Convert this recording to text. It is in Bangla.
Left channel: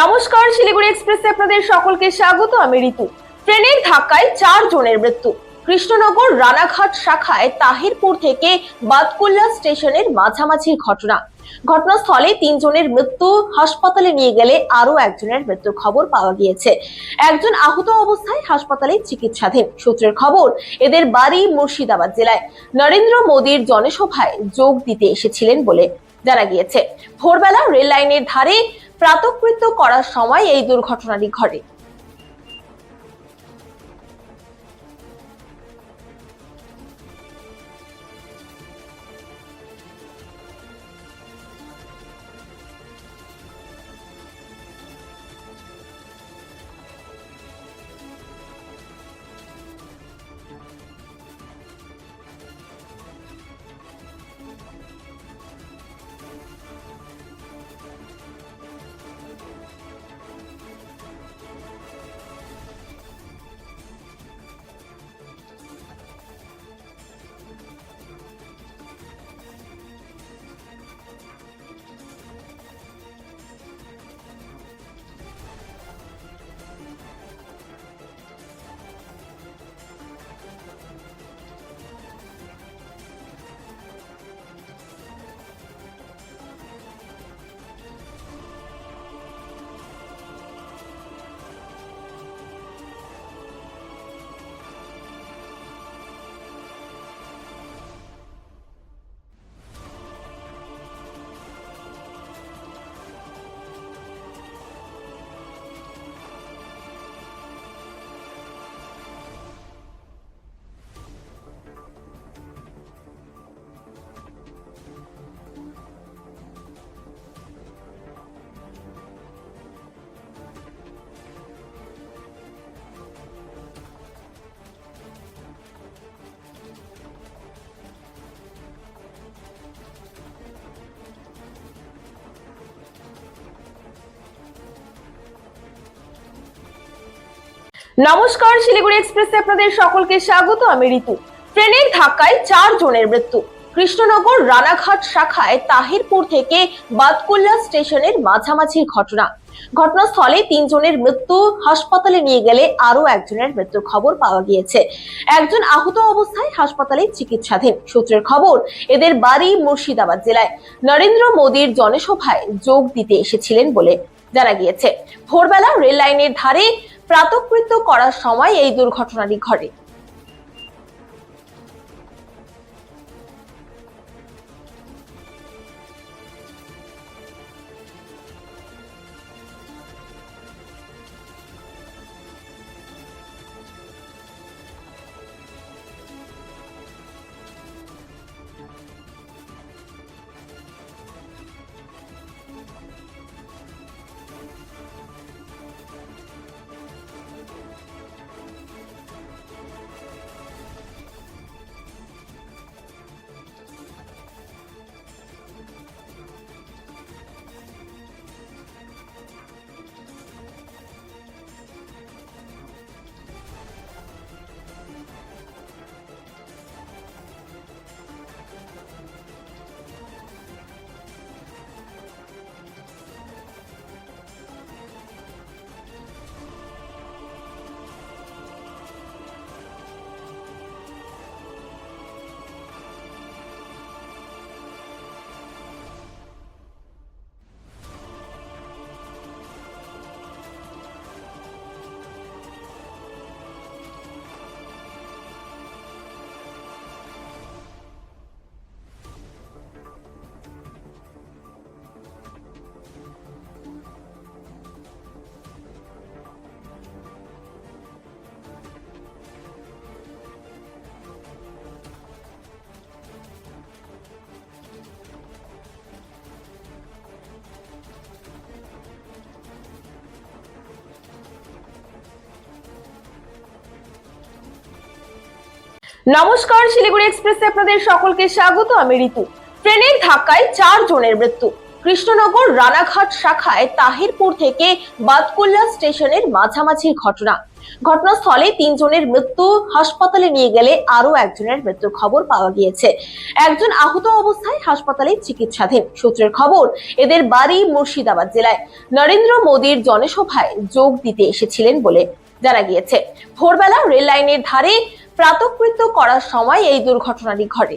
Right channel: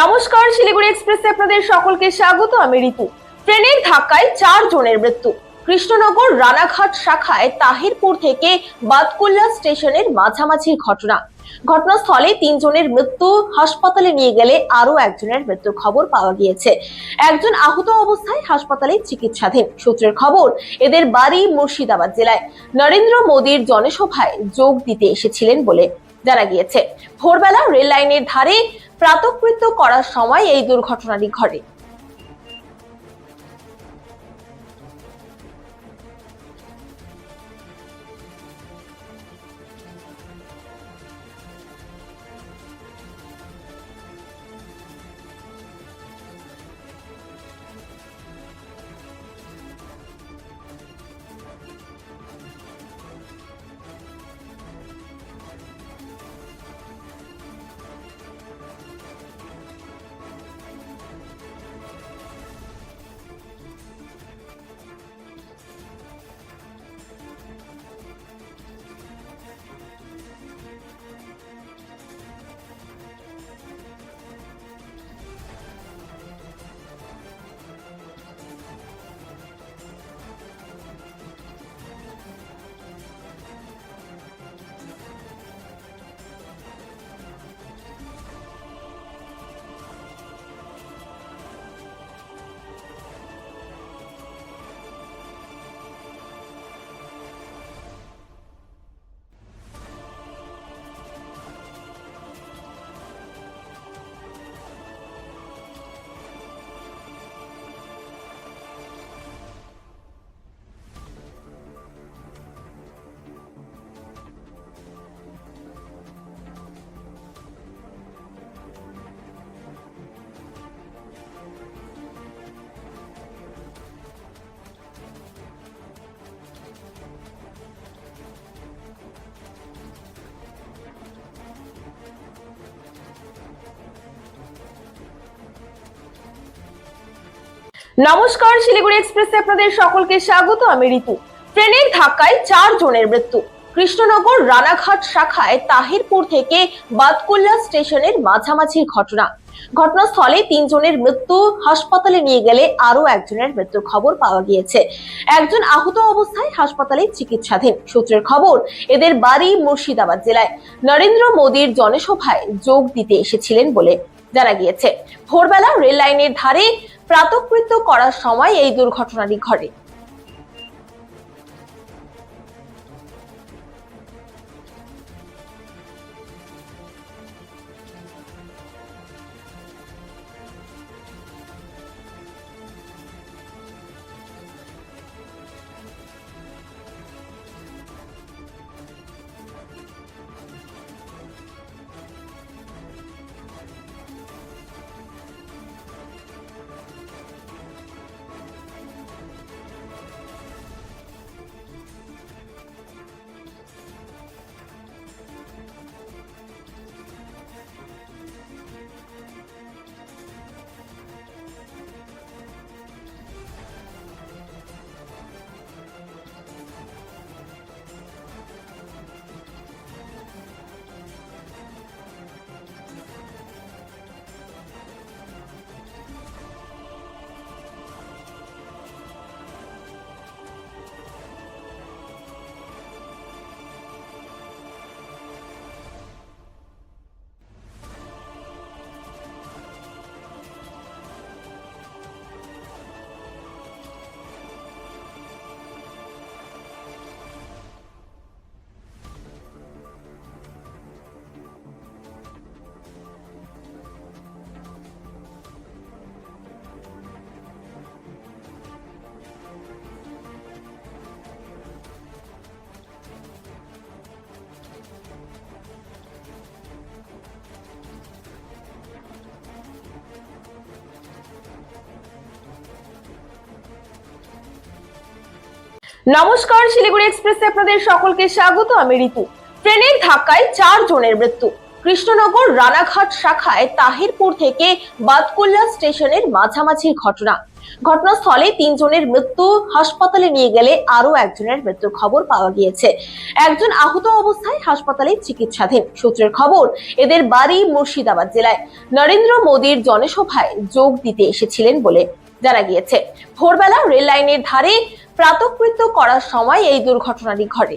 নমস্কার, শিলিগুড়ি এক্সপ্রেসে আপনাদের সকলকে স্বাগত। আমি ঋতু। ট্রেনের ধাক্কায় 4 জনের মৃত্যু। কৃষ্ণনগর রানাঘাট শাখায় তাহিরপুর থেকে বাতকুল্লা স্টেশনের মাঝামাঝি ঘটনা। ঘটনাস্থলে 3 জনের মৃত্যু, হাসপাতালে নিয়ে গেলে আরো একজনের মৃত্যুর খবর পাওয়া গিয়েছে। একজন আহত অবস্থায় হাসপাতালে চিকিৎসাধীন। সূত্রের খবর, এদের বাড়ি মুর্শিদাবাদ জেলায়। নরেন্দ্র মোদীর জনসভায় যোগ দিতে এসেছিলেন বলে জানা গিয়েছে। ভোরবেলা রেল লাইনের ধারে প্রাতকৃত্য করার সময় এই দুর্ঘটনাটি ঘটে। নমস্কার, শিলিগুড়ি এক্সপ্রেসে আপনাদের সকলকে স্বাগত। আমি ঋতু। ট্রেনের ধাক্কায় 4 জনের মৃত্যু। কৃষ্ণনগর রানাঘাট শাখায় তাহিরপুর থেকে বাতকুল্লা স্টেশনের মাঝামাঝি ঘটনা। ঘটনাস্থলে 3 জনের মৃত্যু, হাসপাতালে নিয়ে গেলে আরো একজনের মৃত্যুর খবর পাওয়া গিয়েছে। একজন আহত অবস্থায় হাসপাতালে চিকিৎসাধীন। সূত্রের খবর, এদের বাড়ি মুর্শিদাবাদ জেলায়। নরেন্দ্র মোদীর জনসভায় যোগ দিতে এসেছিলেন বলে জানা গিয়েছে। ভোরবেলা রেল লাইনের ধারে প্রাতকৃত্য করার সময় এই দুর্ঘটনাটি ঘটে। নমস্কার, শিলিগুড়ি এক্সপ্রেসে আপনাদের সকলকে স্বাগত। আমি ঋতু। ট্রেনের ধাক্কায় 4 জনের মৃত্যু। কৃষ্ণনগর রানাঘাট শাখায় তাহিরপুর থেকে বাতকুল্লা স্টেশনের মাঝামাঝি ঘটনা। ঘটনাস্থলে 3 জনের মৃত্যু, হাসপাতালে নিয়ে গেলে আরো একজনের মৃত্যুর খবর পাওয়া গিয়েছে। একজন আহত অবস্থায় হাসপাতালে চিকিৎসাধীন। সূত্রের খবর, এদের বাড়ি মুর্শিদাবাদ জেলায়। নরেন্দ্র মোদীর জনসভায় যোগ দিতে এসেছিলেন বলে জানা গিয়েছে। ভোরবেলা রেল লাইনের ধারে প্রাতকৃত্য করার সময় এই দুর্ঘটনাটি ঘটে।